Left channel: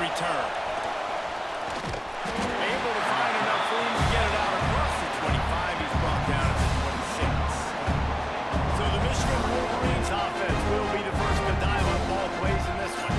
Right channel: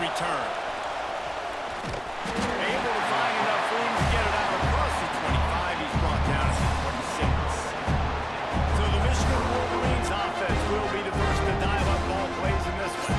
return. Able to find enough room to get it out across the 25. He's brought down at the 26. So the Michigan Wolverines offense will be the first to dial up ball plays in this one.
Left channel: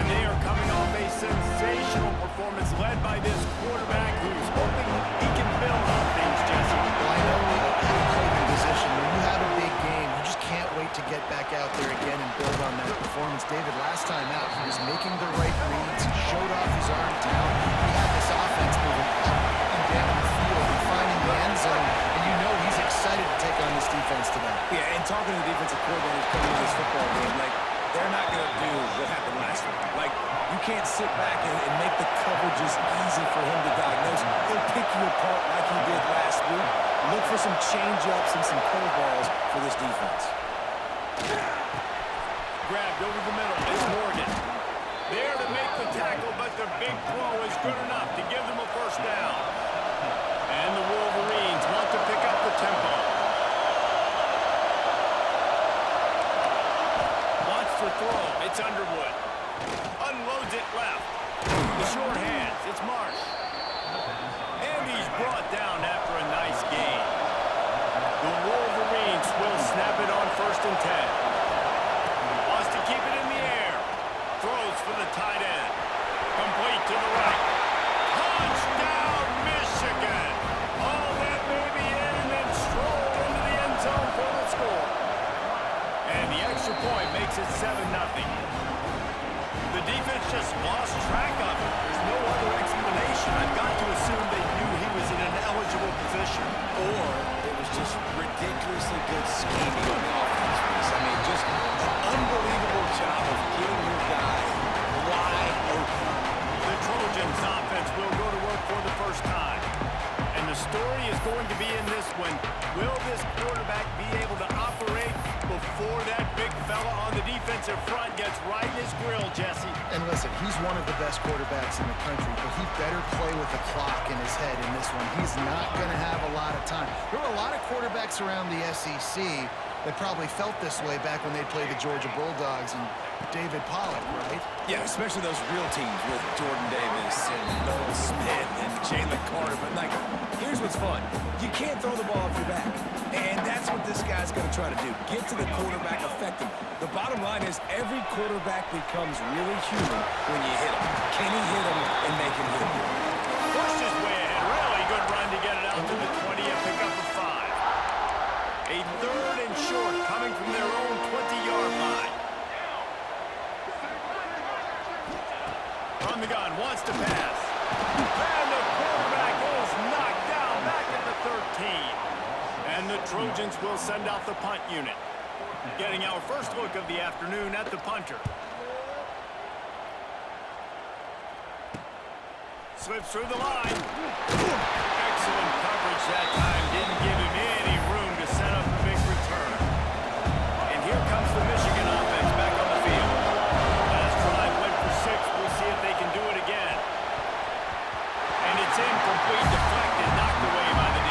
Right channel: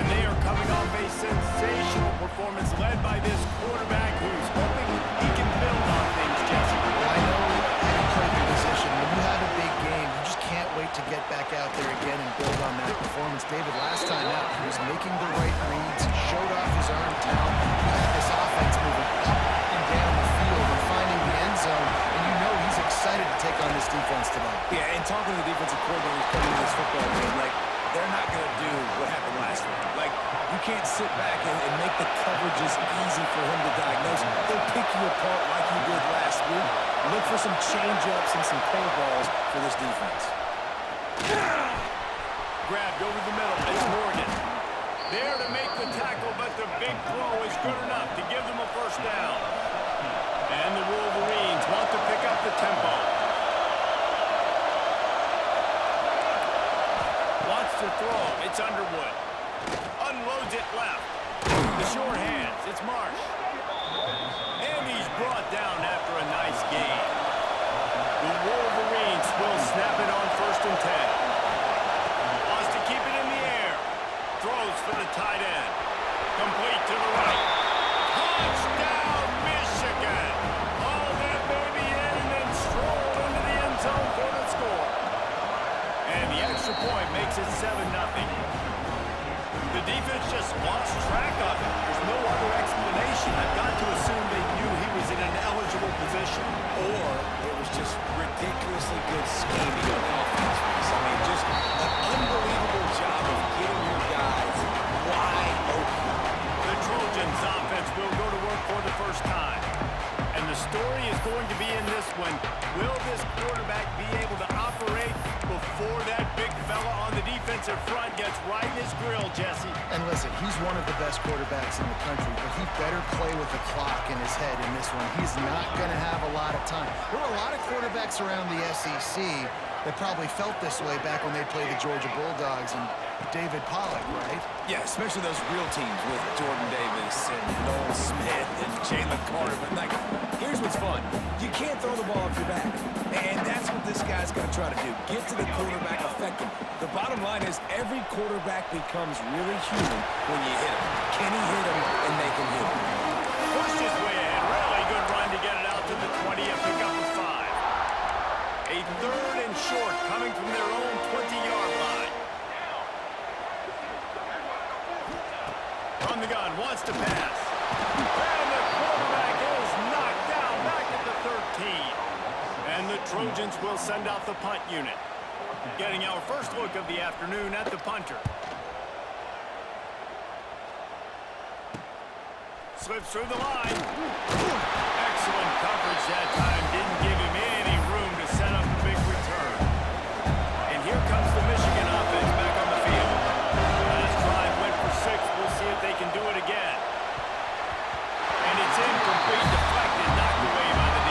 And they are coming off a sensational performance led by this quarterback who's hoping he can build on things, Jesse. Well, I know having played the position, when you have a big game, you just can't wait to get back out there again and build on that performance. David, last time out, he was making the right reads. He showed off his arm talent. He had this offense moving up and down the field and finding the end zone. And you know he's excited to take on this defense today. Yeah, and talking to the defensive coordinators coming into this football game, like, they're not going to do what happened last week. Like, you can't sit back and make the coverages easy for him to diagnose. He'll pick you apart like he did last week. Look for some change-ups and some curveballs for this defense. Grabbed over the middle. It's Morgan. There to make the tackle, but the big throw is good enough to give them a first down. And the Wolverines want to pick up the tempo. Wants to throw. It's Underwood. Unloads it left. The short hands. It's Marsh. And he's brought down after a nice gain. The Wolverines will snap it on 1st and 10. Wants to keep it in the air. Throws for the tight end. Complete to the right. Touchdown, Michigan! All that baby in and then stroll into the end zone for the score. And the extra point makes it 7-0. The defense just lost track of it. There's no other explanation. I've got to assume they knew he was in an eligible position. Or it was just ridiculously good scheming on the offense, Reese. I mean, just an unbelievable job of getting your guys wide open. The Trojans' offense will go to work for the first time. And the story is going to be in this one. Will this quarterback be able to operate before that big fella on the defensive front gets right in his grill, Jesse? And listen, he's one of the best quarterbacks in the country, but he better play with the clock in his head in this one. He's not going to have a lot of time. There were a lot of quarterbacks around the SEC that probably felt this way back when they played the Georgia Bulldogs and David Pollock, right? Yeah, especially those real teams with Jordan Davis and Noel Smith and Jalen Carter. But, like, here's what's fun. You can't throw the ball off your back. And that's what this guy's going to try to do. Get to the quarterback, affect him. The bottom line is every quarterback becomes really human when you hit him. Can he hit him and make him human? Pushed his way ahead. Really good run to get it out to the 20 and pick up a 5. A 3rd and short coming from their own 20-yard line. From the gun, wants to pass. And the quarterback is knocked down back at the 13. And the Trojans will send out the punt unit. Getting our first look of the afternoon at the punter. Slips through the line. Excellent coverage that time. Didn't give him any room to set up a big return. And here comes the Michigan offense back on the field. Last drive went for 6. We'll see if they can do it again. And it's incomplete, deflected, knocked away by the D.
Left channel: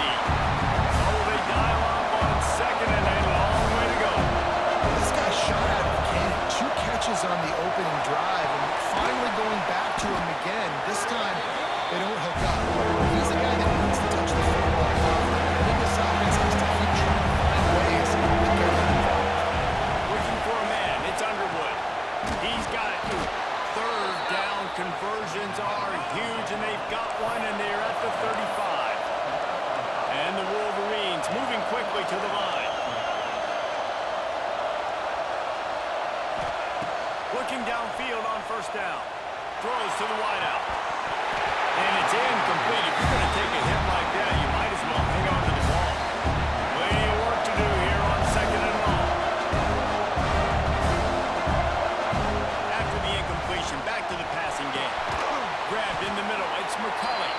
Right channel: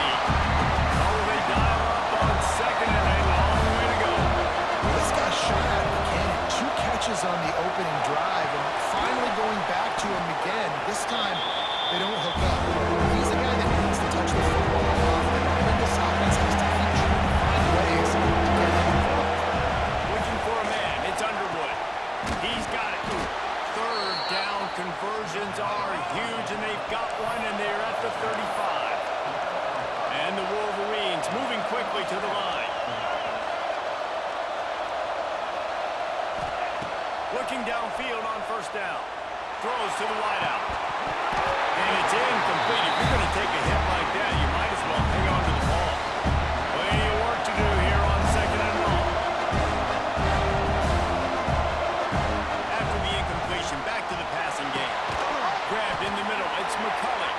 Oh, they dial up on 2nd and a long way to go. Well, this guy shot out of the cannon. 2 catches on the opening drive and finally going back to him again. This time, they don't hook up. He's a guy that needs to touch the football often. And I think this offense has to keep trying to find ways to get him involved. Looking for a man. It's Underwood. He's got it. 3rd down conversions are huge, and they've got one, and they're at the 35. And the Wolverines moving quickly to the line. Looking downfield on 1st down. Throws to the wideout. And it's incomplete. If you're going to take a hit like that, you might as well hang on to the ball. Plenty of work to do here on 2nd and long. After the incompletion, back to the passing game. Grabbed in the middle. It's McCulley.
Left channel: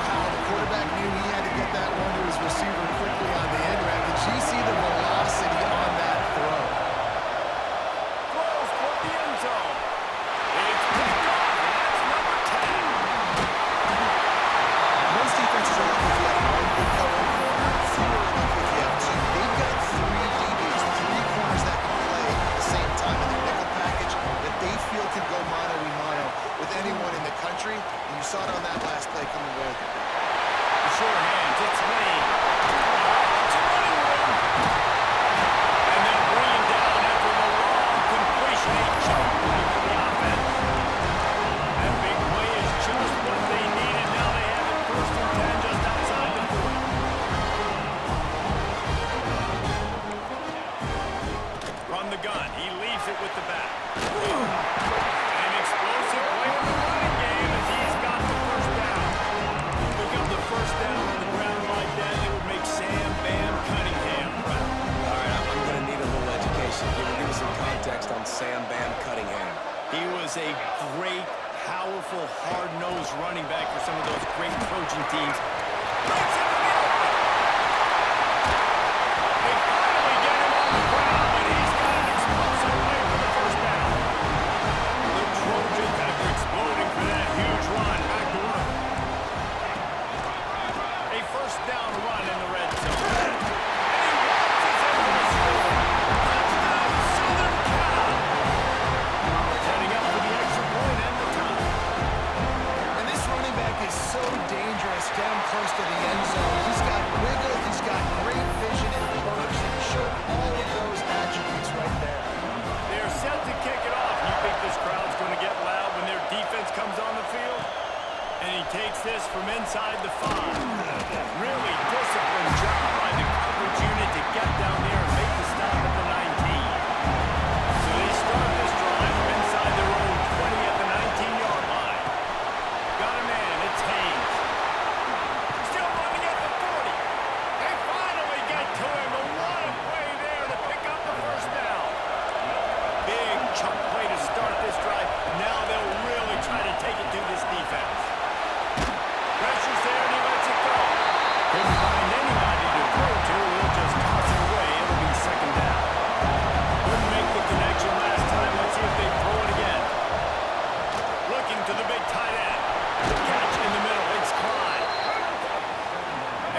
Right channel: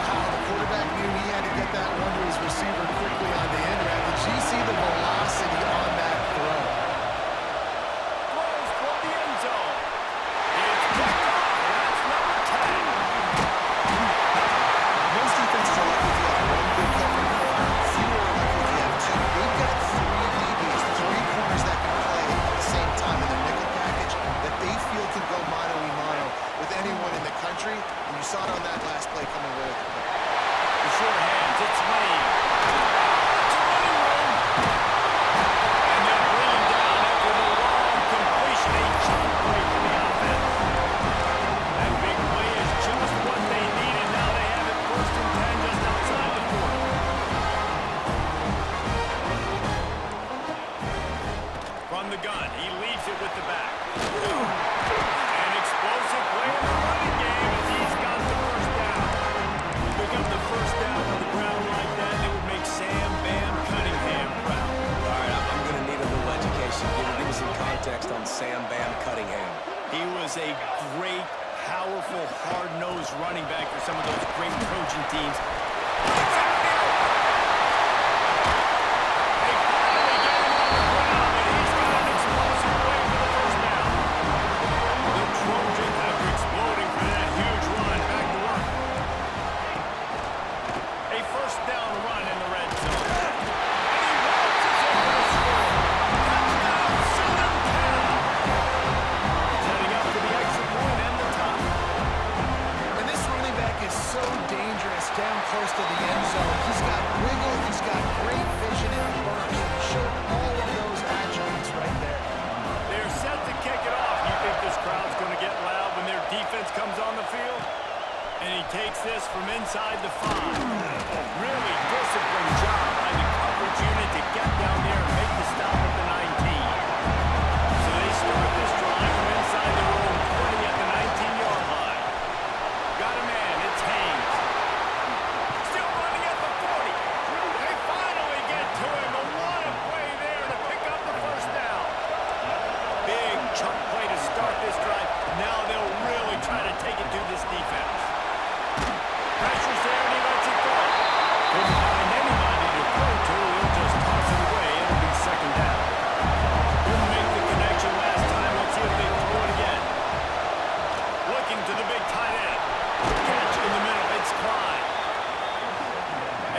Wow, the quarterback knew he had to get that one to his receiver quickly on the end route. Did you see the velocity on that throw? Throws for the end zone. It's picked off, and that's number 10. Most defenses are lucky if you have 1 good covering corner. Fewer are lucky if you have 2. They've got 3 DBs, 3 corners that can play at the same time in their nickel package that they feel can go mano-a-mano with You saw it on that last play coming away with the pick. The short hands, it's Lane. It's a running room. And they'll bring him down after the long completion. A chunk play for the offense. That big play is just what they needed. Now they have it 1st and 10 just outside the 40. From the gun, he leaves it with the back. An explosive play in the running game as he's got the 1st down. Pick up the 1st down on the ground like that, it would make Sam Bam Cunningham proud. All right, I'm going to need a little education. Give me some context on Sam Bam Cunningham. He was a great, powerful, hard-nosed running back for some of those great Trojan teams. Breaks into the open. They finally get him on the ground, and he's got an explosive play for the 1st down. The Trojans, after exploding for that huge run, back to work. A 1st down run in the red zone. And he waltzes in for the score. Touchdown, Southern Cal. Setting up for the extra point and the top. And this running back is so dangerous down close to the end zone. He's got wiggle, he's got great vision and burst. He showed all of those attributes right there. They're set to kick it off. You think this crowd's going to get loud when their defense comes on the field? And he takes this from inside the 5. Really disciplined job by the coverage unit to get down there and make the stop at the 19. So they start this drive from inside their own 20 at the 19-yard line. Got a man, it's Haynes. Still running at the 40. They finally get to him, but what a play there to pick up the 1st down. Big chunk play to start this drive. Now they'll really try to take it to this defense. Pressure's there and he lets it go. Couldn't find anybody to throw to. He'll just toss it away. It'll be 2nd down. Couldn't make the connection last time. Let's see if they throw it again. Looking to the big tight end. Catch in the middle. It's Klein.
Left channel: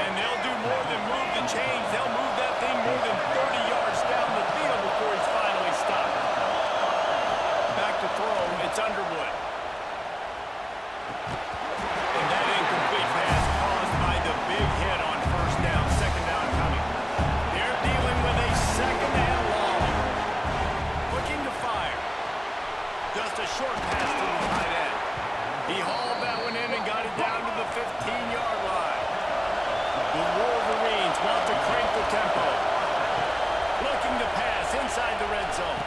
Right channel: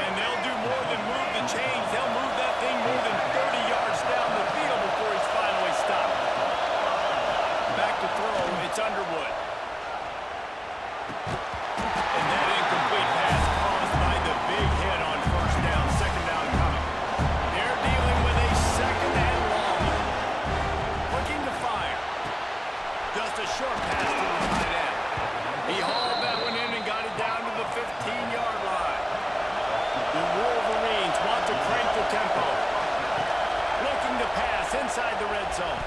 And they'll do more than move the chains. They'll move that thing more than 30 yards down the field before he's finally stopped. Back to throw. It's Underwood. And that incomplete pass caused by the big hit on 1st down. 2nd down coming. They're dealing with a 2nd and long. Looking to fire. Just a short pass to the tight end. He hauled that one in and got it down to the 15-yard line. The Wolverines want to crank the tempo. Looking to pass inside the red zone.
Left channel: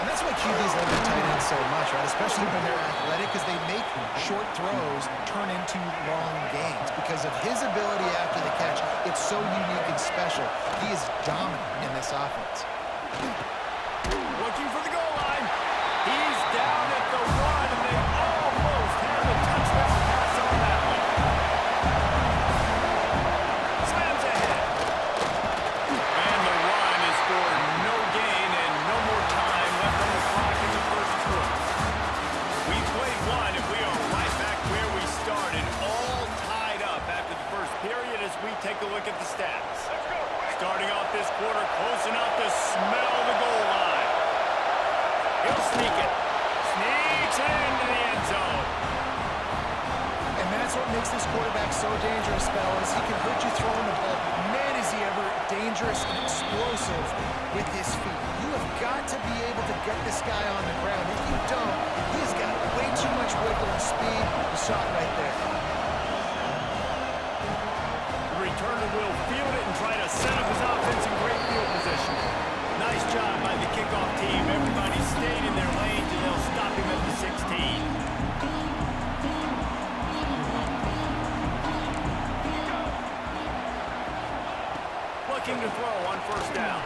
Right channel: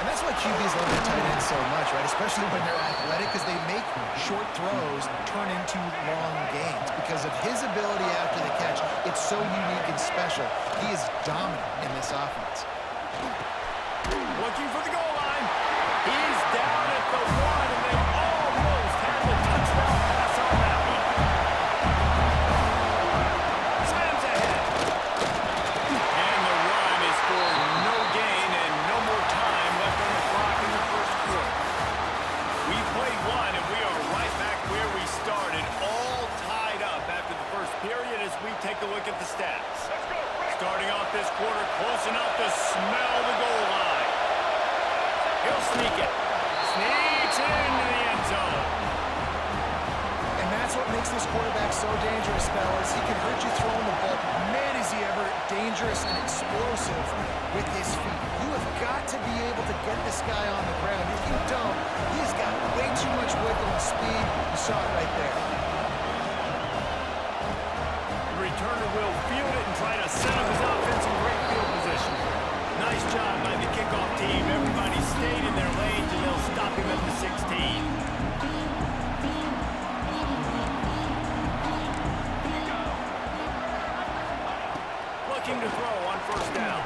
And that's why QBs love their tight ends so much, right? Especially when they're athletic, because they make short throws turn into long gains. Because of his ability after the catch, it's so unique and special. He is dominant in this offense. Looking for the goal line. He's down at the 1, and they almost had the touchdown pass on that one. Slams ahead. And the run is for no gain and no more time left on the clock in the 1st quarter. We've played 1, and we are right back where we started, all tied up after the 1st period as we take a look at the stats. Starting off this quarter close enough to smell the goal line. He'll sneak it. Sneaks it into the end zone. And that's what makes this quarterback so dangerous, fellas. He can hurt you throwing the ball, but man, is he ever dangerous and explosive with his feet. You have got to be able to get this guy on the ground. If you don't, he's got way too much wiggle and speed. You saw it right there. The returner will field it and try to set up his offense in great field position. Nice job by the kickoff team. Everybody stayed in their lanes, and they'll stop him at the 16. Looking to throw on 1st down.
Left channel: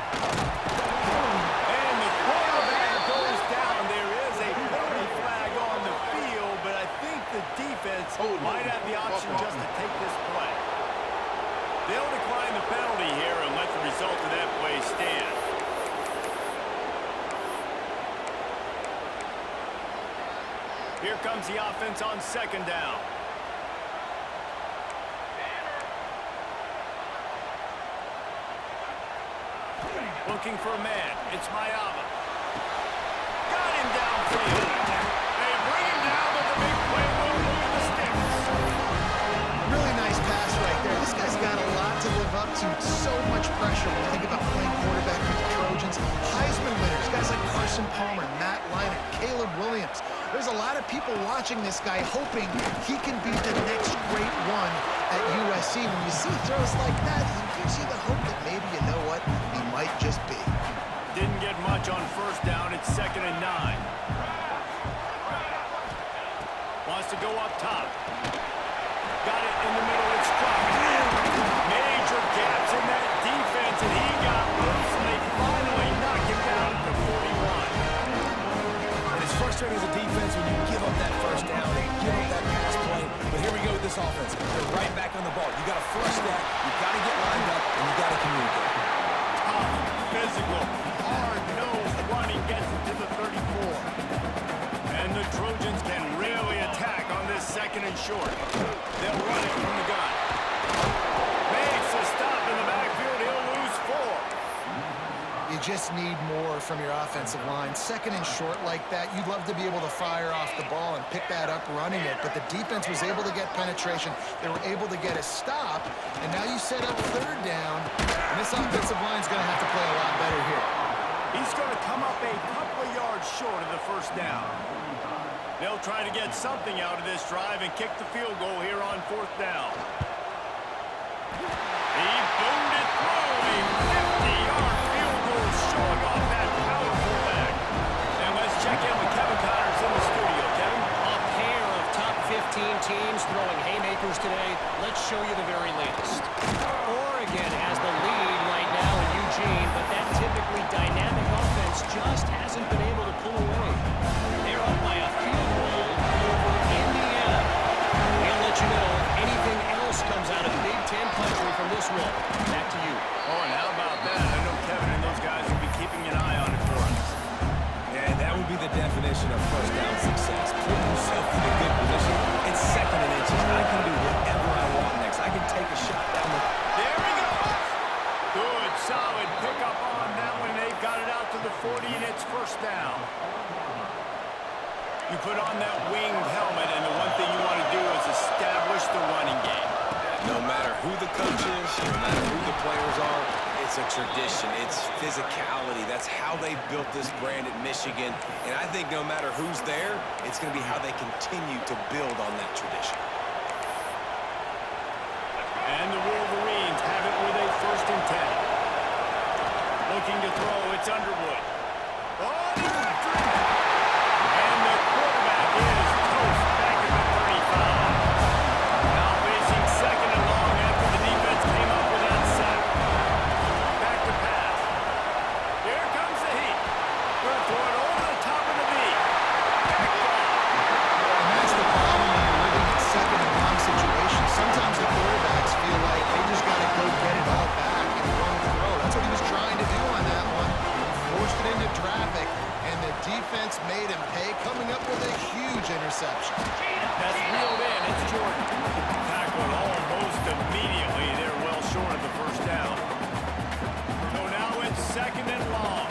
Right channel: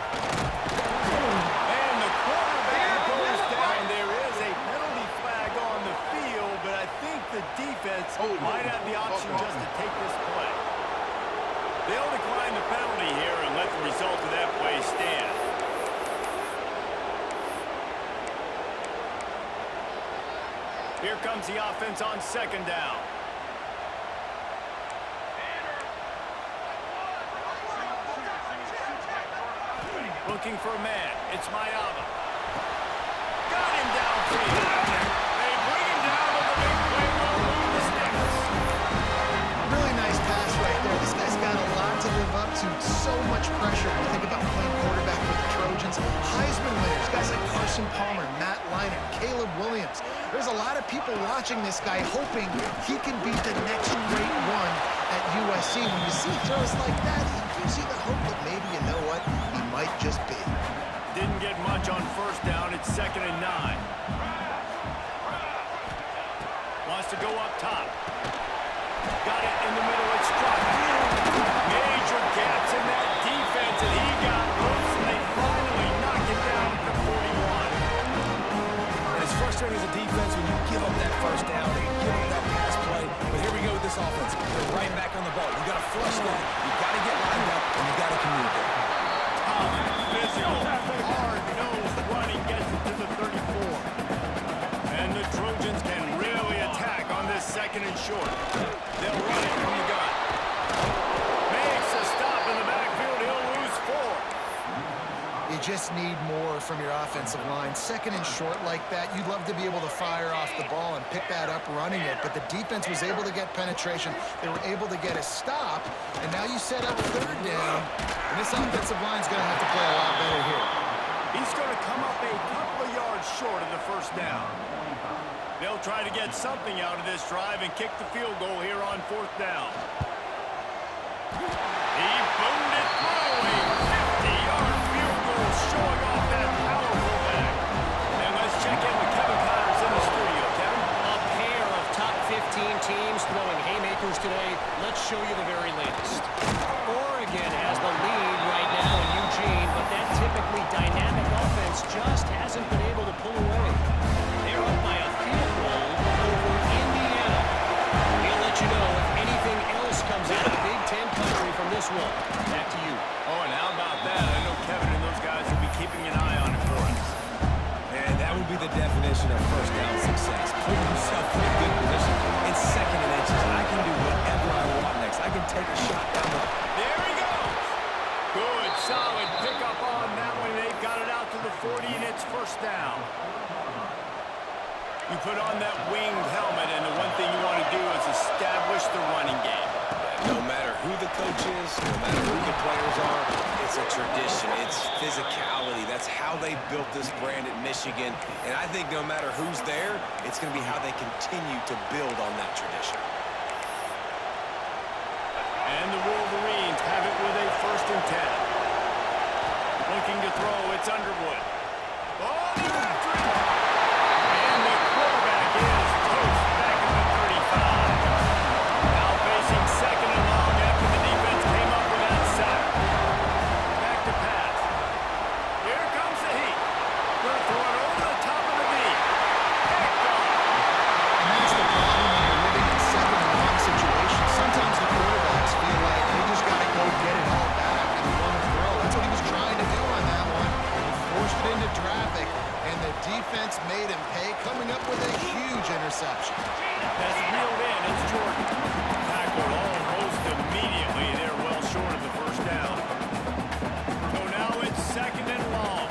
And the quarterback goes down. There is a penalty flag on the field, but I think the defense might have the option just to take this play. They'll decline the penalty here and let the result of that play stand. Here comes the offense on 2nd down. Looking for a man. It's Mayava. Got him downfield. They bring him down, but the big play will move the sticks. exude so much pressure when you think about playing quarterback for the Trojans. Heisman winners, guys like Carson Palmer, Matt Leinart, Caleb Williams. There's a lot of people watching this guy hoping he can be the next great one at USC. When you see throws like that, it gives you the hope that maybe, you know what, he might just be. Didn't get much on first down. It's 2nd and 9. Wants to go up top. Got it in the middle. It's Crockett. Major gaps in that defense, and he got loose, and they finally knock him down at the 41. And it's frustrating as a defense when you give up that first down and give up that pass play. But here we go with this offense. They're right back on the ball. You got to flush that. You got to get lined up, and you got to communicate. Tough, physical, hard-nosed running gets it to the 34. And the Trojans can really attack on this 2nd and short. They'll run it from the gun. Makes a stop in the backfield. He'll lose 4. You just need more from your offensive line. 2nd and short like that, you'd love to be able to fire off the ball and pick that up running it, but the defense was able to get penetration. They were able to get a stop, and now you set up 3rd down, and this offensive line's going to have to play a lot better here. He's going to come up a couple of yards short of the first down. They'll try to get something out of this drive and kick the field goal here on 4th down. He boomed it through a 50-yard field goal, showing off that powerful leg. And let's check in with Kevin Connors in the studio. Kevin? A pair of top 15 teams throwing haymakers today. Let's show you the very latest. Oregon has the lead right now in Eugene, but that typically dynamic offense just hasn't been able to pull away. They're up by a field goal over Indiana. We'll let you know if anything else comes out of the Big Ten country from this one. Back to you. Oh, and how about that? I know Kevin and those guys will be keeping an eye on it for us. And that would be the definition of first down success. Put yourself in a good position. It's 2nd and inches. I can do whatever I want next. I can take a shot down the... There he goes. Good, solid pickup on that one. They've got it out to the 40, and it's 1st down. You put on that winged helmet, and the one thing you want to do is establish the running game. No matter who the coach is, no matter who the players are, it's a tradition. It's physicality. That's how they built this brand at Michigan. And I think no matter who's there, it's going to be how they continue to build on that tradition. And the Wolverines have it with a 1st and 10. Looking to throw, it's Underwood. Oh, they're after it! And the quarterback is toast back at the 35. Now facing 2nd and long after the defense came up with that sack. Back to pass. Here comes the heat. Going to throw it over the top of the beat. Picked off. And that's the problem when you're living in 2nd and long situations. Sometimes the quarterbacks feel like they just got to go get it all back in one throw. That's what he was trying to do on that one. He forced it into traffic, and the defense made him pay, coming up with a huge interception. That's reeled in. It's Jordan. Tackled almost immediately. They're well short of the 1st down. So now it's 2nd and long.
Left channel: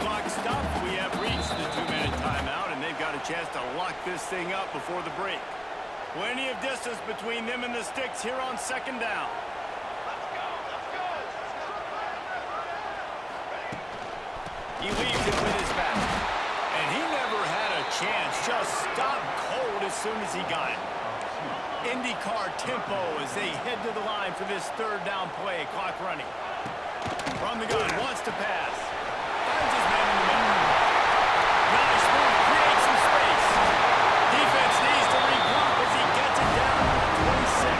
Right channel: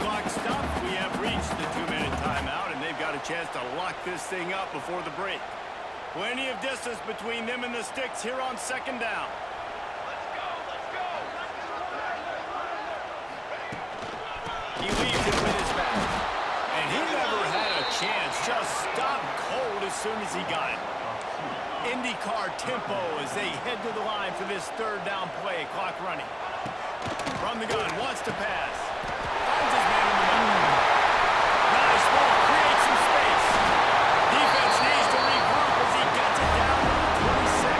Clock stopped. We have reached the 2-minute timeout, and they've got a chance to lock this thing up before the break. Plenty of distance between them and the sticks here on 2nd down. Let's go, let's go. He leaves it with his back. And he never had a chance. Just stopped cold as soon as he got it. IndyCar tempo as they head to the line for this 3rd down play. Clock running. From the gun, wants to pass. Finds his man in the middle. Nice move, creates some space. Defense needs to regroup as he gets it down to the 26.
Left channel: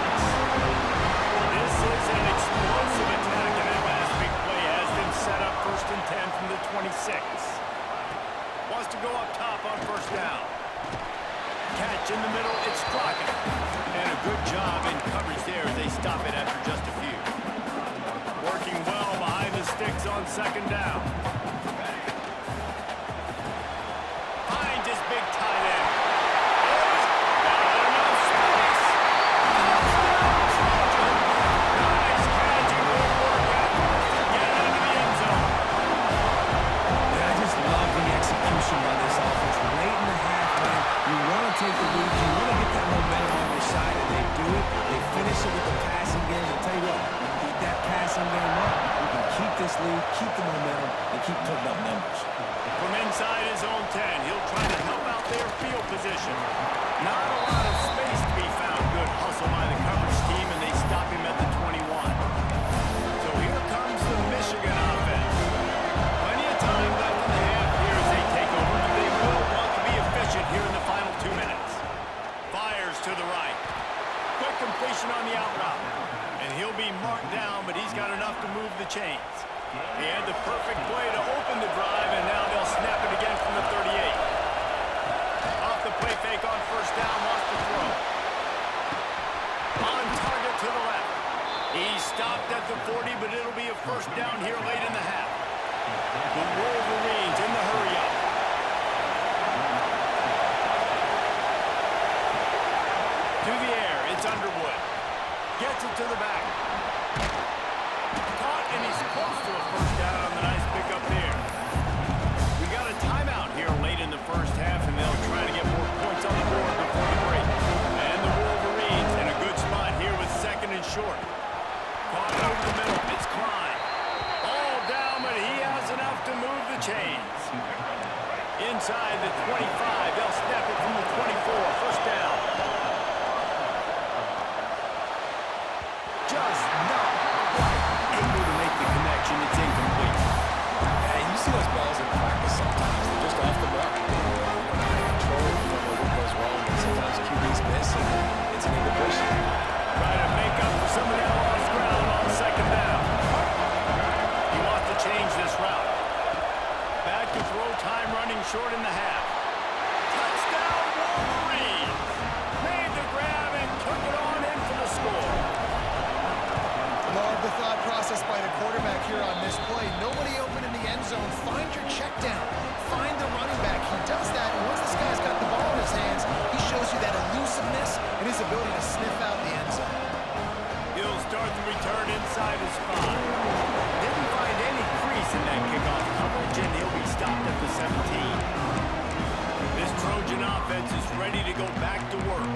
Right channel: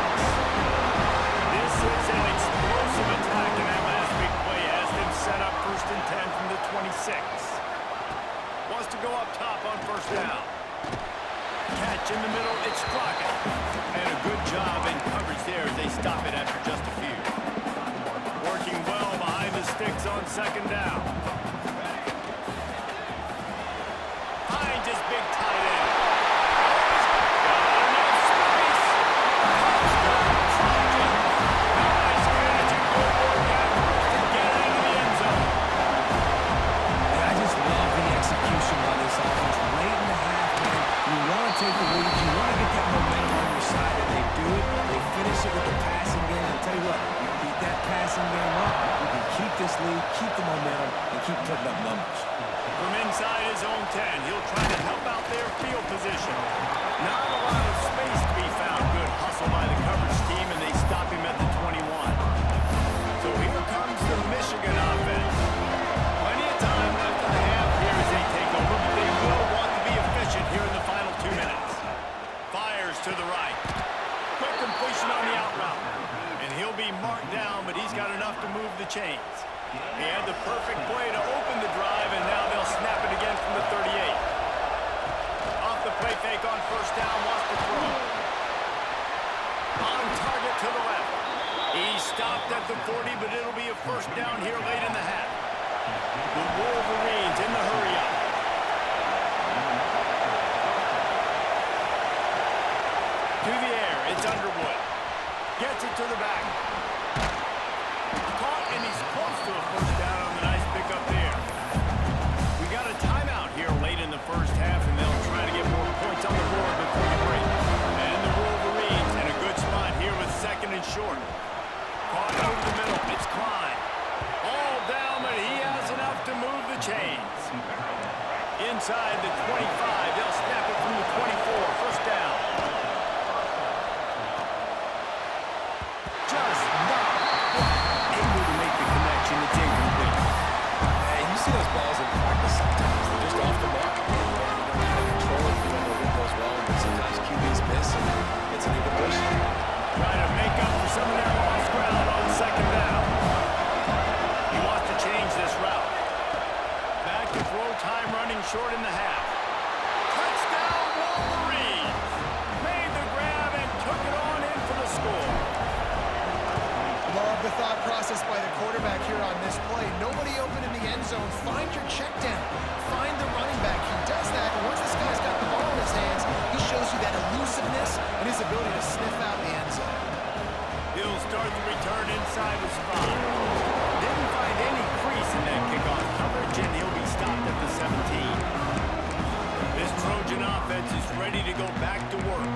This is an explosive attack, and that last big play has them set up 1st and 10 from the 26. Wants to go up top on 1st down. Catch in the middle, it's Crockett. And a good job in coverage there as they stop it after just a few. Working well behind the sticks on 2nd down. Finds his big tight end. Oh, he's got enough space. Touchdown, Trojans. Nice catch and good work afterwards to get it into the end zone. Yeah, I just love the execution by this offense. Late in the half, man, you want to take the lead. You want to get that momentum on your side, and they do do it. They finish it with the passing game. I'll tell you what, keep that passing game up. We can keep this lead, keep the momentum, and keep putting up numbers. From inside his own 10, he'll try to help out their field position. Not a lot of space to be found. Good hustle by the coverage team, and they stop him at the 21. So here comes the Michigan offense. Plenty of time left in the half here as they take over, but they will want to be efficient here in the final 2 minutes. Fires to the right. Quick completion on the out route. And he'll be marked down, but he's got enough to move the chains. He had the perfect play to open the drive, and now they'll snap it again from the 38. Off the play fake on first down, wants to throw. On target to the left. He stopped at the 40, but it'll be a first down here late in the half. The Wolverines in the hurry-up. To the air, it's Underwood. Gets it to the back. Caught, and he's close to a first down on the nice pickup there. We got a timeout here late in the first half, and they'll try to get more points on the board before the break. And the Wolverines in a good spot here with second and short. Caught over the middle. It's Klein. All down, but he has enough to move the chains. Inside the 25, they'll snap it from the 24. First down. Just not quite able to make the connection. It's incomplete. Hey, you see those balls in practice sometimes. They're just off the mark. You don't know how to control it. You don't know what goes wrong. But sometimes QBs miss, and it's an incompletion. Try to make up for some of that lost ground on second down. He wants to change this route. Back to throw, time running short in the half. Touchdown Wolverines! Made the grab and took it on in for the score. Love the thought process by the quarterback here on this play. Nobody open in the end zone. Find your check down. Find the running back. He does that, and once this guy's got the ball in his hands, he shows you that elusiveness and his ability to sniff out the end zone. He'll start the return inside his 5. Didn't find any crease in that kickoff coverage, and he'll be stopped at the 17. This Trojan offense is ready to go back to work.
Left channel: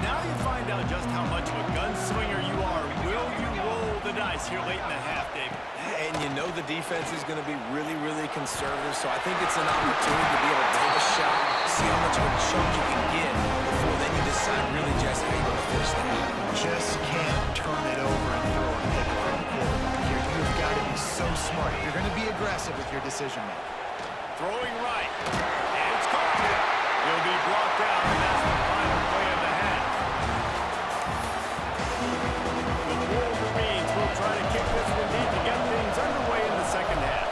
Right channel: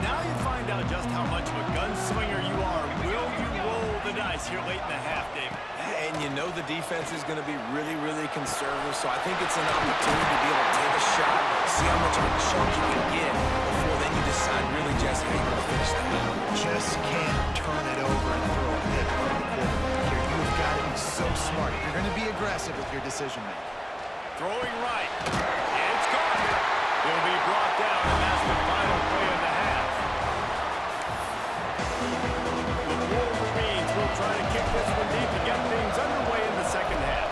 Now you find out just how much of a gunslinger you are. Will you roll the dice here late in the half, David? And you know the defense is going to be really, really conservative, so I think it's an opportunity to be able to take a shot, see how much of a chunk you can get before then you decide really just how you want to finish that. Just can't turn it over and throw a pick for the quarterback here. You've got to be so smart if you're going to be aggressive with your decision-making. Throwing right. It's caught. He'll be brought down, and that's the final play of the half. The Wolverines will try to kick this one deep to get things underway in the second half.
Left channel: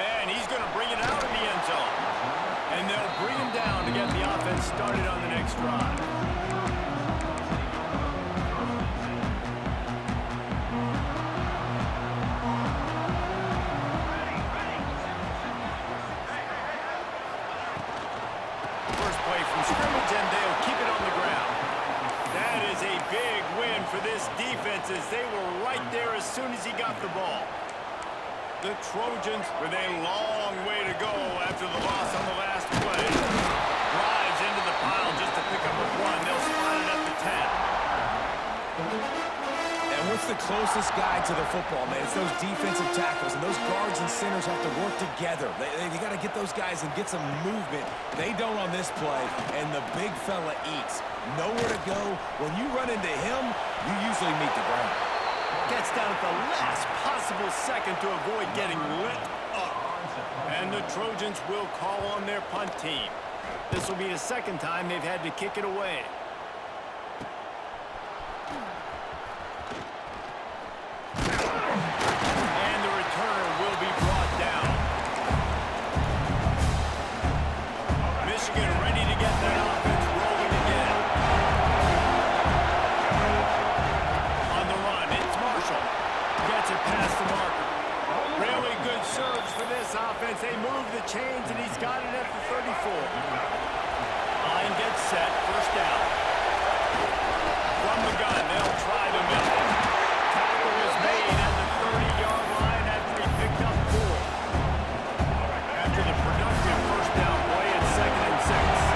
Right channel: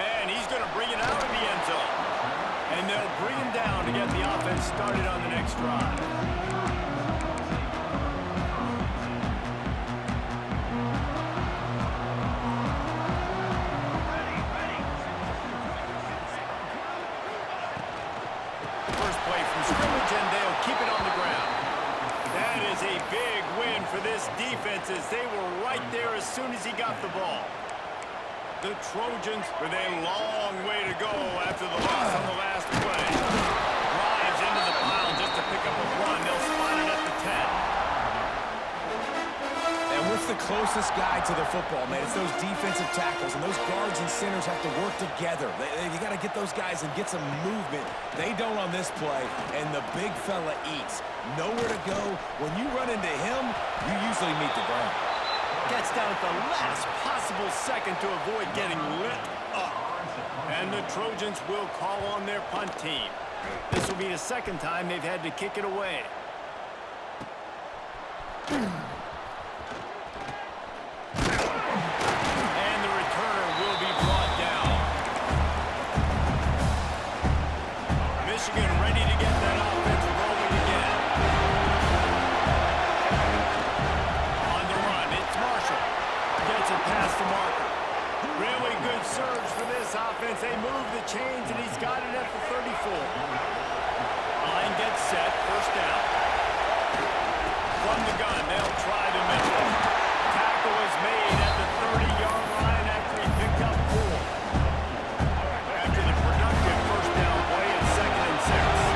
And he's going to bring it out of the end zone. And they'll bring him down to get the offense started on the next drive. Scrimmage, and they'll keep it on the ground. That is a big win for this defense as they were right there as soon as he got the ball. The Trojans with a long way to go after the loss on the last play. Drives into the pile just to pick up a 1. They'll spot it at the 10. And what's the closest guy to the football, man? It's those defensive tackles, and those guards and centers have to work together. You got to get those guys and get some movement. They don't on this play, and the big fella eats. Nowhere to go. When you run into him, you usually meet the ground. Gets down at the last possible second to avoid getting lit up. And the Trojans will call on their punt team. This will be the second time they've had to kick it away. And the returner will be brought down. Michigan ready to get that offense rolling again. On the run, it's Marshall. Gets it past the marker. Really good surge for this offense. They move the chains, and he's got it at the 34. Line gets set, first down. From the gun, they'll try the middle. Tackle is made at the 30-yard line after he picked up 4. After the productive first down play, it's 2nd and 6.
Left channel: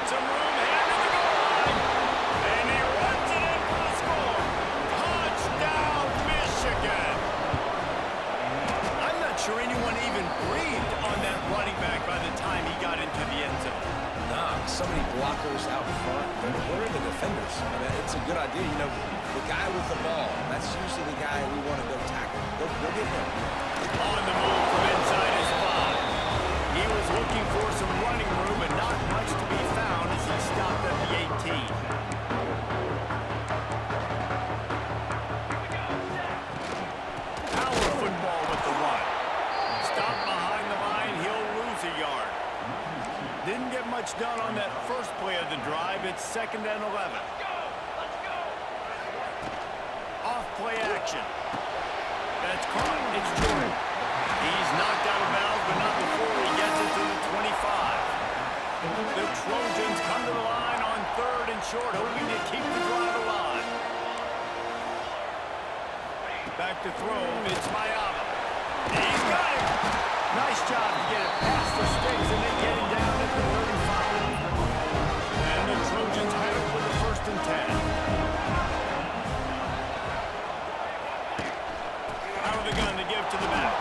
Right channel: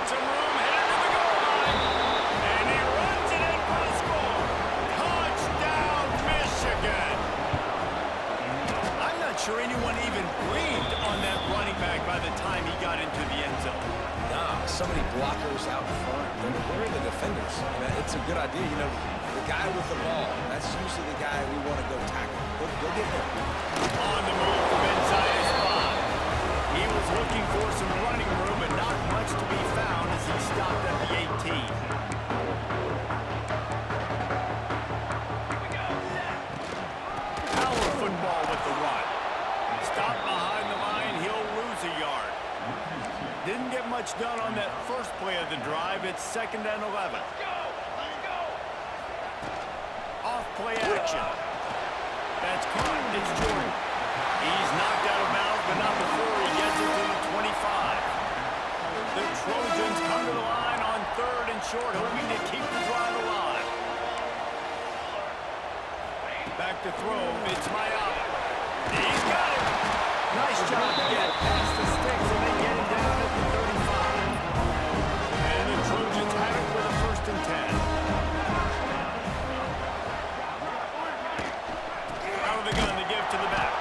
got some room, headed to the goal line. And he runs it in for the score. Touchdown, Michigan. I'm not sure anyone even breathed on that running back by the time he got into the end zone. Nah, so many blockers out front. Where are the defenders? I mean, it's a good idea. You know, the guy with the ball, that's usually the guy we want to go tackle. Go get him. On the move from inside his 5. He was looking for some running room, but not much to be found as he stopped at the 18. Power football with the run. Stop behind the line, he'll lose a yard. Didn't get much done on that first play of the drive. It's 2nd and 11. Let's go! Off play action. That's caught. It's Jordan. He's knocked out of bounds, but not before he gets it to the 25. The Trojans come to the line on 3rd and short, hoping to keep the drive alive. Back to throw. It's Mayava. He's got it. Nice job to get it past the sticks and then get him down at the 35. And the Trojans have it with a 1st and 10. Out of the gun to give to the back.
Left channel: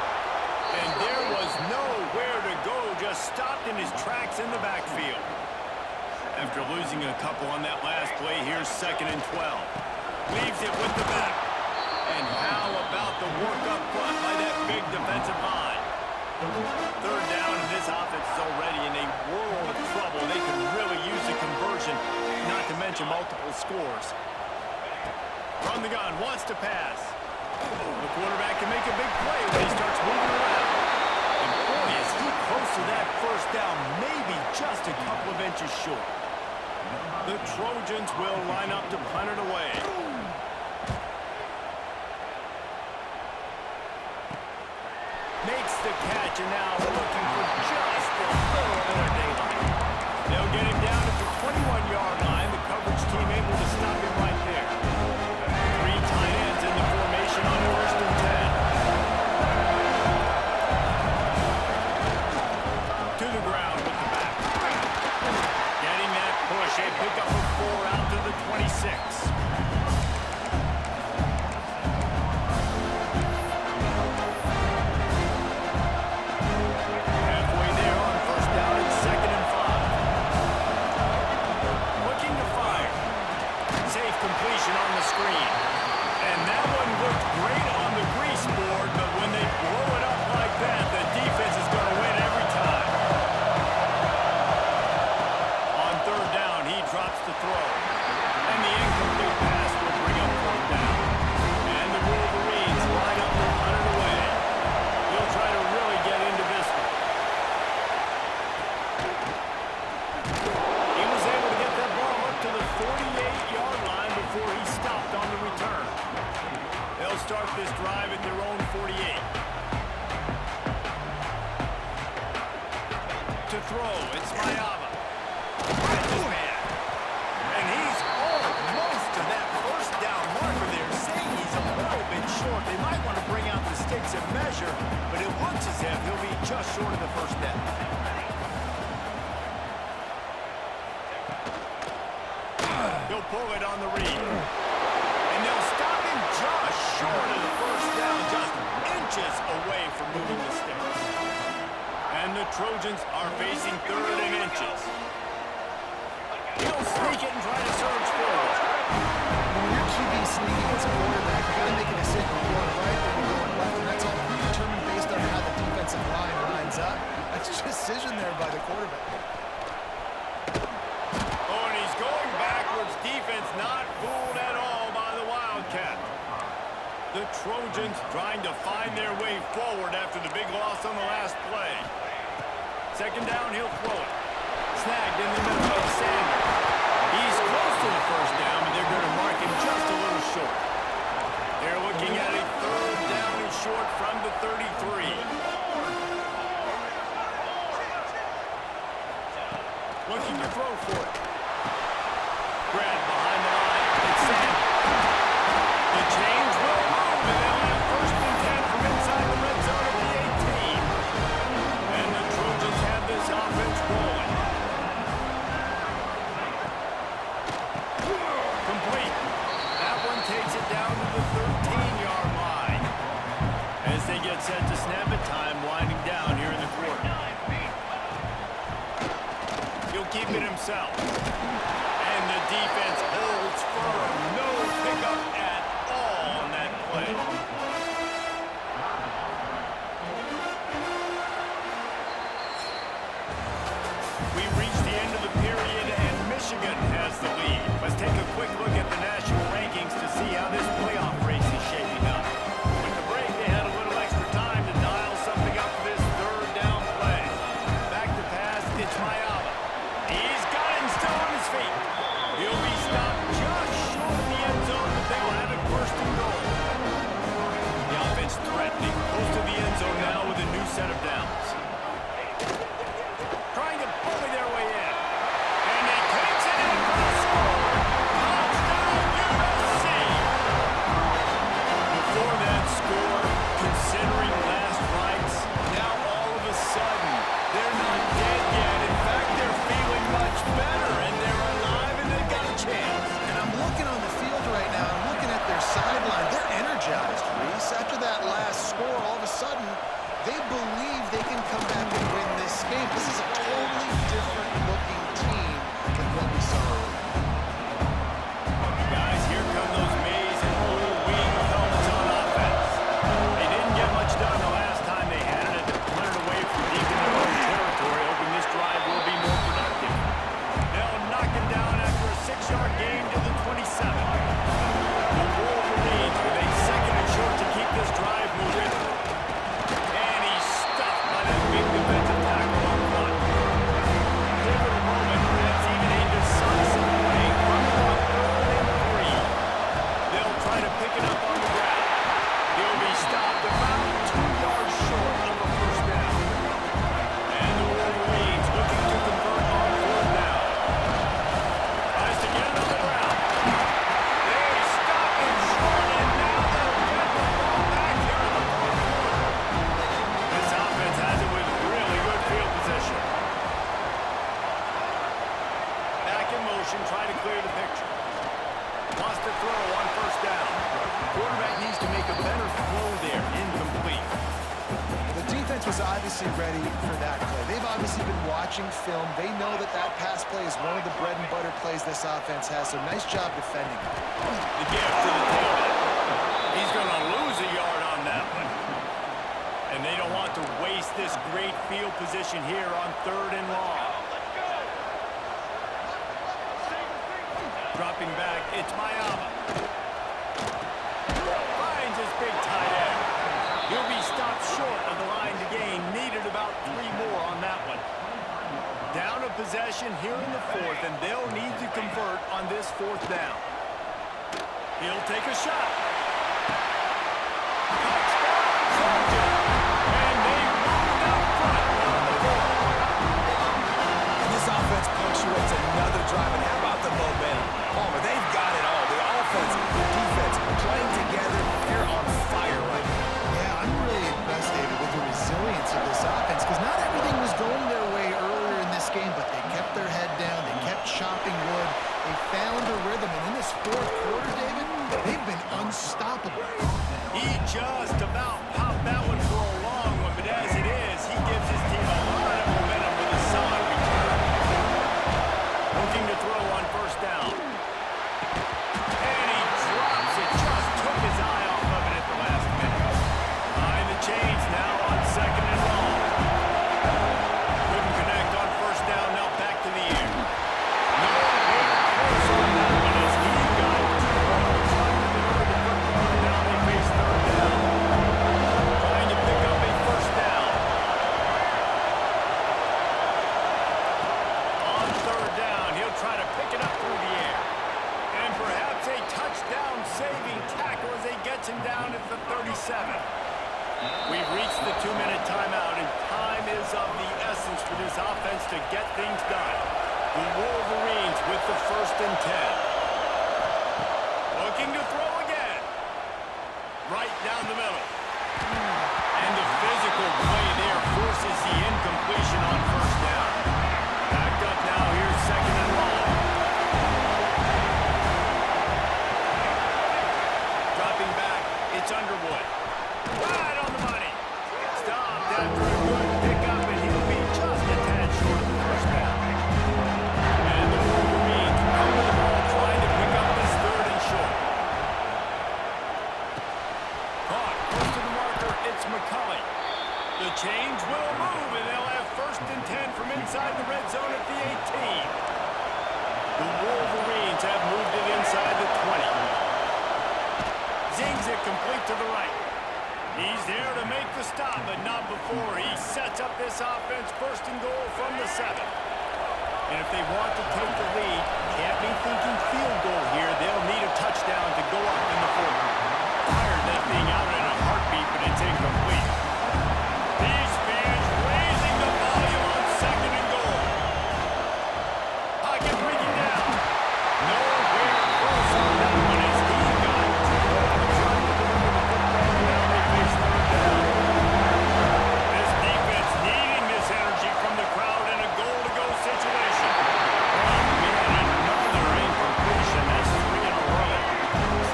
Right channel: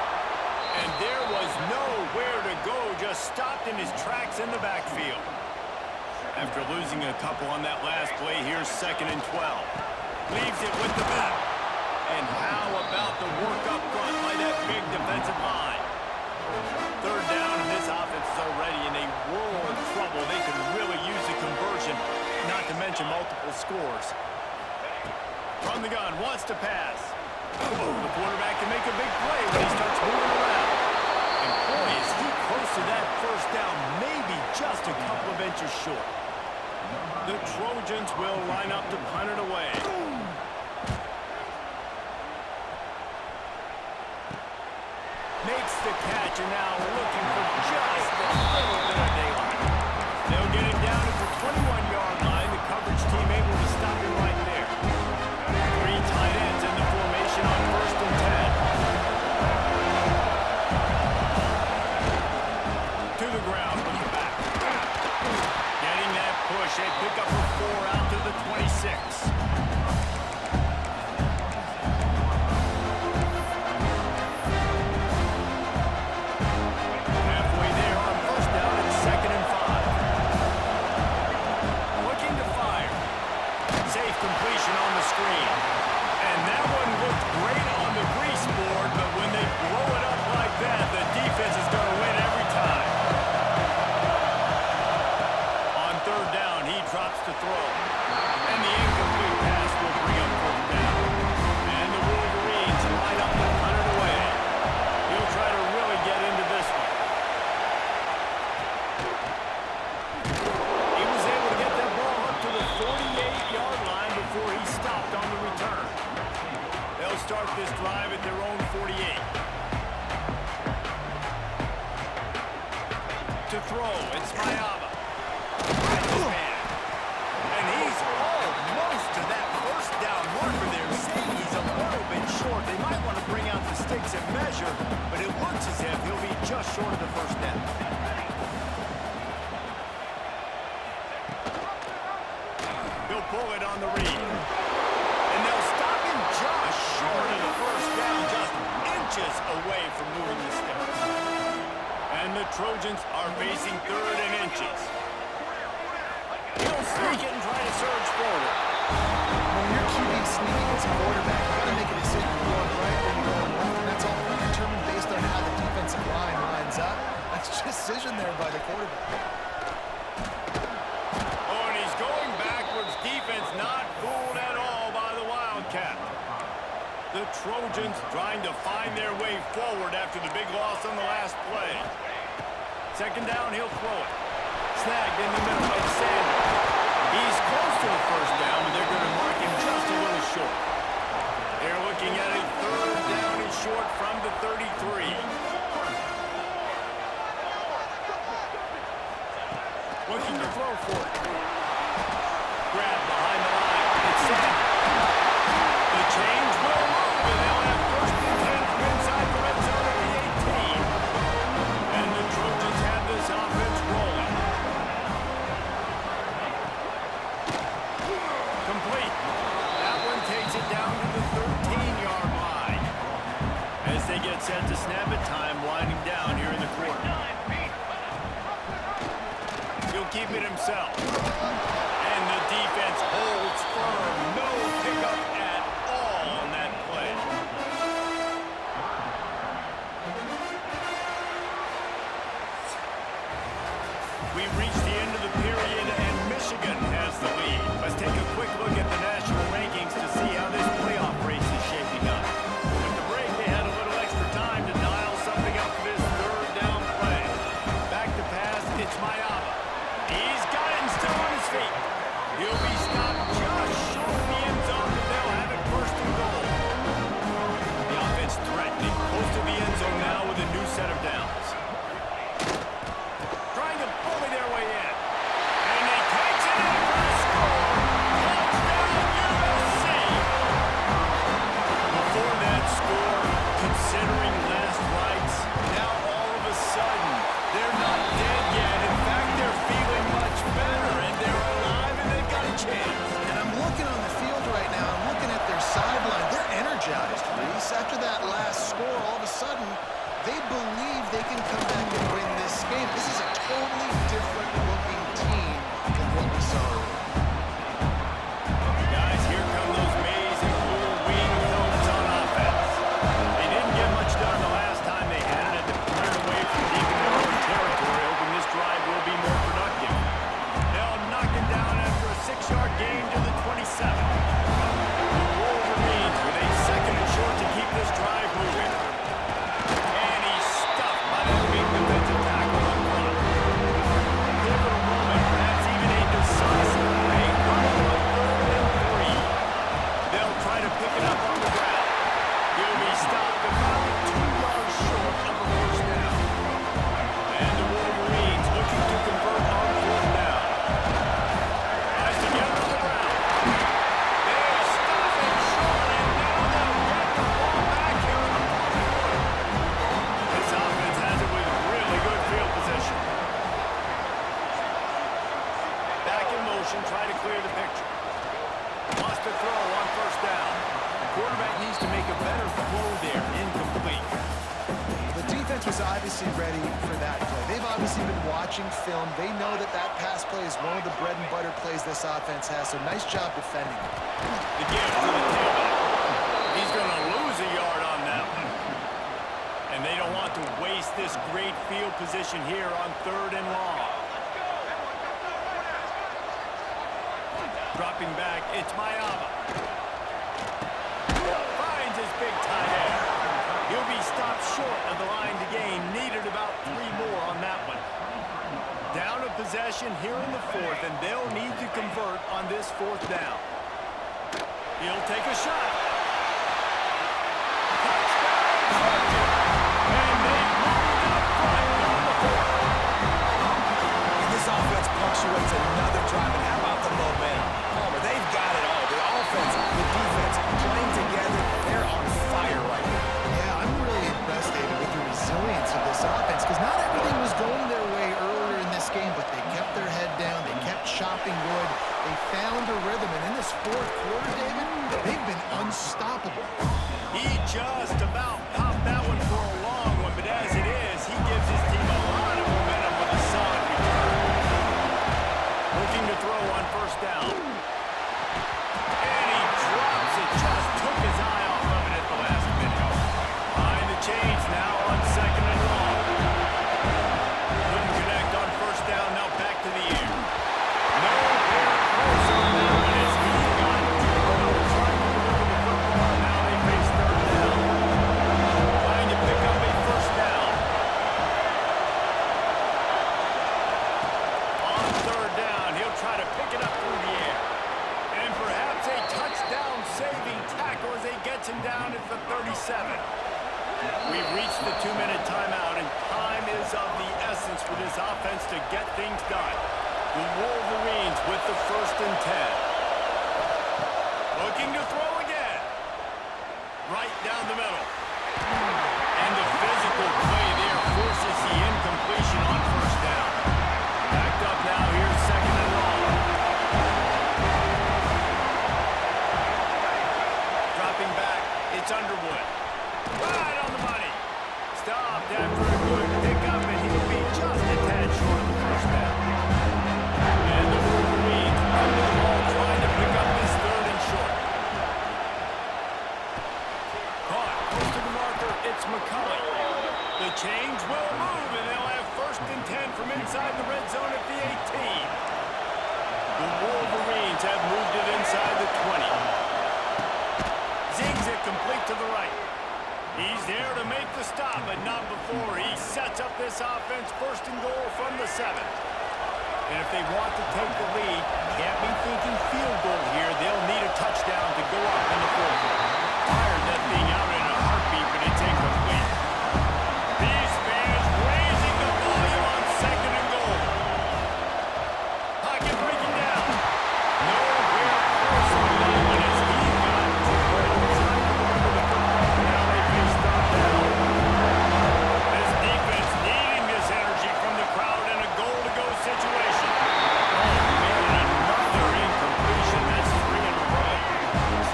And there was nowhere to go, just stopped in his tracks in the backfield. After losing a couple on that last play, here's 2nd and 12. Leaves it with the back. And how about the work up front by that big defensive line? 3rd down, and this offense is already in a world of trouble. They can really use a conversion, not to mention multiple scores. From the gun, wants to pass. The quarterback can make a big play when he starts moving around. And boy, is he close to that 1st down, maybe just a couple of inches short. The Trojans will line up to punt it away. Makes the catch, and now looking for just a little bit of daylight. They'll get him down at the 21-yard line. The coverage team able to stop him right there. 3 tight ends in the formation on 1st and 10. To the ground with the back. Getting that push. They pick up a 4 out to the 26. Halfway there on 1st down, it's 2nd and 5. Looking to fire. Safe completion on the screen. And that one looked great on the grease board, but when they blow it up like that, the defense is going to win every time. On 3rd down, he drops to throw. And the incomplete pass will bring up 4th down. And the Wolverines line up to punt it away. He'll try to really get into this one. He was able to get that ball up to the 48-yard line before he stopped on the return. They'll start this drive at their own 48. To throw, it's Mayava. Right to man. And he's almost to that 1st down marker there, saying he's a little bit short. They might want to bring out the sticks and measure, but it looks as if he'll be just short of the 1st down. He'll pull it on the read. And they'll stop him just short of the 1st down, just inches away from moving the sticks. And the Trojans are facing 3rd and inches. He'll sneak it and try to surge forward. When your QB sneaking as a quarterback, you got to make a decision. You're going right or you're going left, and that's all predetermined based on how the defensive line lines up. That's decision there by the quarterback. Oh, and he's going backwards. Defense not fooled at all by the Wildcat. The Trojans trying to find their way forward after the big loss on the last play. 2nd down, he'll throw it. Snagged in the middle. It's Sanders. He's close to the 1st down, but they're going to mark him just a little short. They're looking at a 3rd down and short from the 33. Looking to throw for it. Grab behind the line. It's Sanders. The change will move, and they'll have 1st and 10 from inside the red zone at the 18. And the Trojans have this offense rolling. takes it down to the 13-yard line. As they get set to snap it, time winding down here in the quarter. He'll keep it himself. And the defense holds firm. No pickup at all on that play. We reached the end of the period, and Michigan has the lead. Let's take a quick look at the national rankings to see how this playoff race is shaping up. With the break, they had a little extra time to dial something up for this third down play. Back to pass, it's Mayava. He's got it and still on his feet. He'll be stopped just short of the end zone, but they'll have it first and goal. The offense threatening, close to the end zone now with a new set of downs. Trying to bully their way in. And he takes it in for a score. Touchdown, USC! Before that score, considering last rites, now all of a sudden, they're not dead yet. In fact, they're feeling much better, and they're alive, and they've got a chance. And I'm looking on the field right now. I'm looking at their sideline. They're energized, Reese. After that last score, all of a sudden, they believe they can come back and win this game. This is a totally different-looking team than what we saw earlier. Guys, here come those maize and blue wing helmets on offense. They didn't get much done the last time they had it. They put it away from deep in their own territory, hoping this drive will be more productive. They'll knock him down after a 6-yard gain to the 27. The Wolverines with a second and short to keep this drive moving. And he's stuffed by that big defensive tackle up front. Pivotal moment, perhaps even a decisive play, coming on 3rd and 3. They'll try to pick it up on the ground. He'll be stopped about 2 yards short of a first down. And the Wolverines looking to convert on 4th down. Tries to get it on the ground. They stop him short, and now they'll get the ball back here in the 4th quarter. This offense has it with really good field position. Back in motion, try to clear the picture. Lost a throw on 1st down. Quarterback needs to make a better throw there. Incomplete. The defense was obviously ready for that play. They've obviously been watching film. They know that that pass play is one of the bread and butter plays this offense has, so nice job defending it. The gift to the tailback. He's going to lose a yard on that one. And they don't want to waste this great field position here on 3rd and long. Dropping back, it's Mayava. Finds his big tight end. He'll be stopped short of the line to gain. Needed about 3 more on that one. Down a possession here in the 4th, and they'll need to convert on this 4th down. He'll take a shot. Touchdown, Georgia! And they've moved up front here in the 4th. And this offense punctuates another drive. And how about the momentum? Palmer, they've got it all. The offense, the defense, playing together. They're on fire right now. Yeah, I'm really impressed, David, with the resilience of this offense, because not everything was going their way earlier in this game, but they kept their head down. They kept chopping wood. They found a rhythm, and in this 4th quarter, David, they've been unstoppable. He just about popped that one for a long one, but as it is, he gives his team a lot of momentum with a solid return. Looking to throw on 1st down. And he drops it, just took his eye off of it at the last minute. Behind the chains now on 2nd and long. Couldn't connect on 1st down, now back to the air. Nowhere close on that one as he got drilled trying to deliver the football, and now they face 3rd down. Trying to pick up a 1st down. On 3rd down, he'll try to pick it up through the air. And perhaps a touchdown-saving tackle as he gets him down at the 37. We've reached the 2-minute timeout, and time is of the essence for this offense to get things done. The Wolverines with the 1st and 10. Looking to throw again. Right down the middle. And the physical play there forces the incompletion on 1st down. Backed up now, here's 2nd and long. Chains will move, and they'll have 1st and 10 from inside the red zone at the 18. The Wolverines have moved it inside the 20. Zings it complete to the right. He's there to make the stop, but not before he sets up this offense 1st and goal from the 7. And if they want to take the lead, can't be thinking field goal here. They'll need a touchdown to go up in the 4th. Fired that thing out in a heartbeat, but it's incomplete. These fans raising the volume on 2nd and goal. Pocket breaking down. Nowhere close on that one as he got trying to deliver the football. Now they face 3rd down. This defense needing this energy from the crowd in a goal-to-go situation. Oh, man, another incompletion. That's 3 in a row.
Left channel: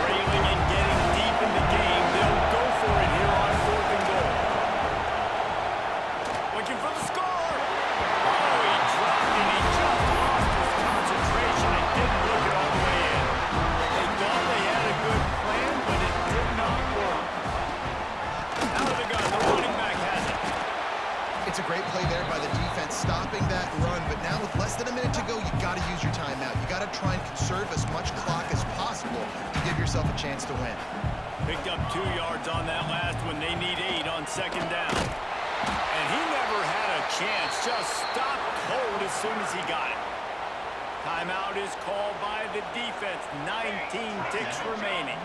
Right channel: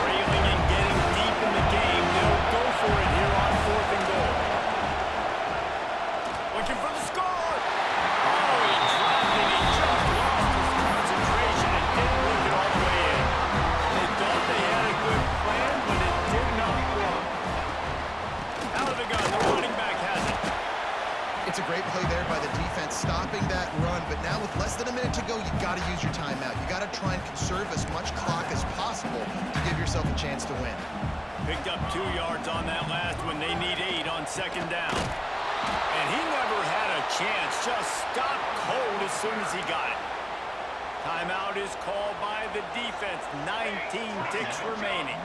Trailing and getting deep in the game. They'll go for it here on 4th and goal. Looking for the score. Oh, he dropped and he just lost his concentration and didn't look it all the way in. They thought they had a good plan, but it did not work. Out of the gun, the running back has it. It's a great play there by the defense, stopping that run. But now with less than a minute to go, you got to use your timeout. You got to try and conserve as much clock as possible to give yourself a chance to win. Picked up 2 yards on that last one. They need 8 on 2nd down. And he never had a chance. Just stopped cold as soon as he got it. Timeout is called by the defense. 19 ticks remaining.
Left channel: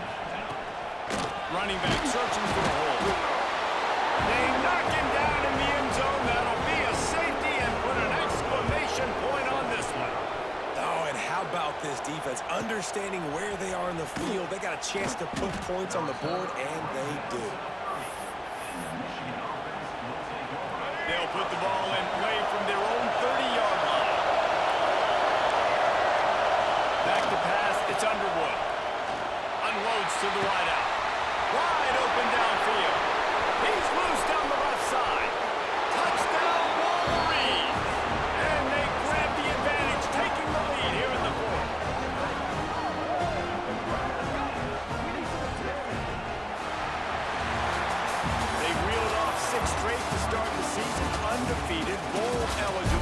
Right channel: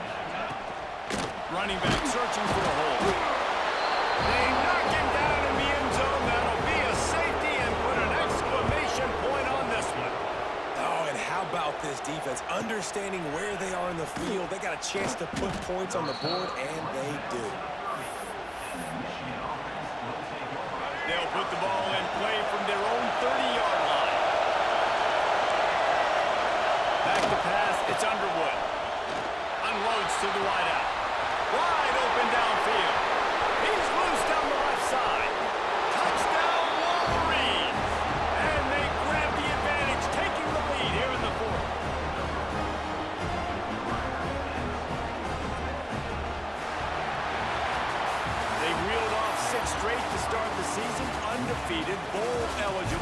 Running back searching for a hole. They knock him down in the end zone. That'll be a safety and put an exclamation point on this one. Oh, and how about this defense? Understanding where they are in the field. They got a chance to put points on the board, and they do. They'll put the ball in play from their own 30-yard line. Back to pass, it's Underwood. Unloads to the wideout. Wide open downfield. He's loose down the left side. Touchdown Wolverines. And they grab the advantage, taking the lead here in the 4th. They reeled off 6 straight to start the season, undefeated, bowl eligible.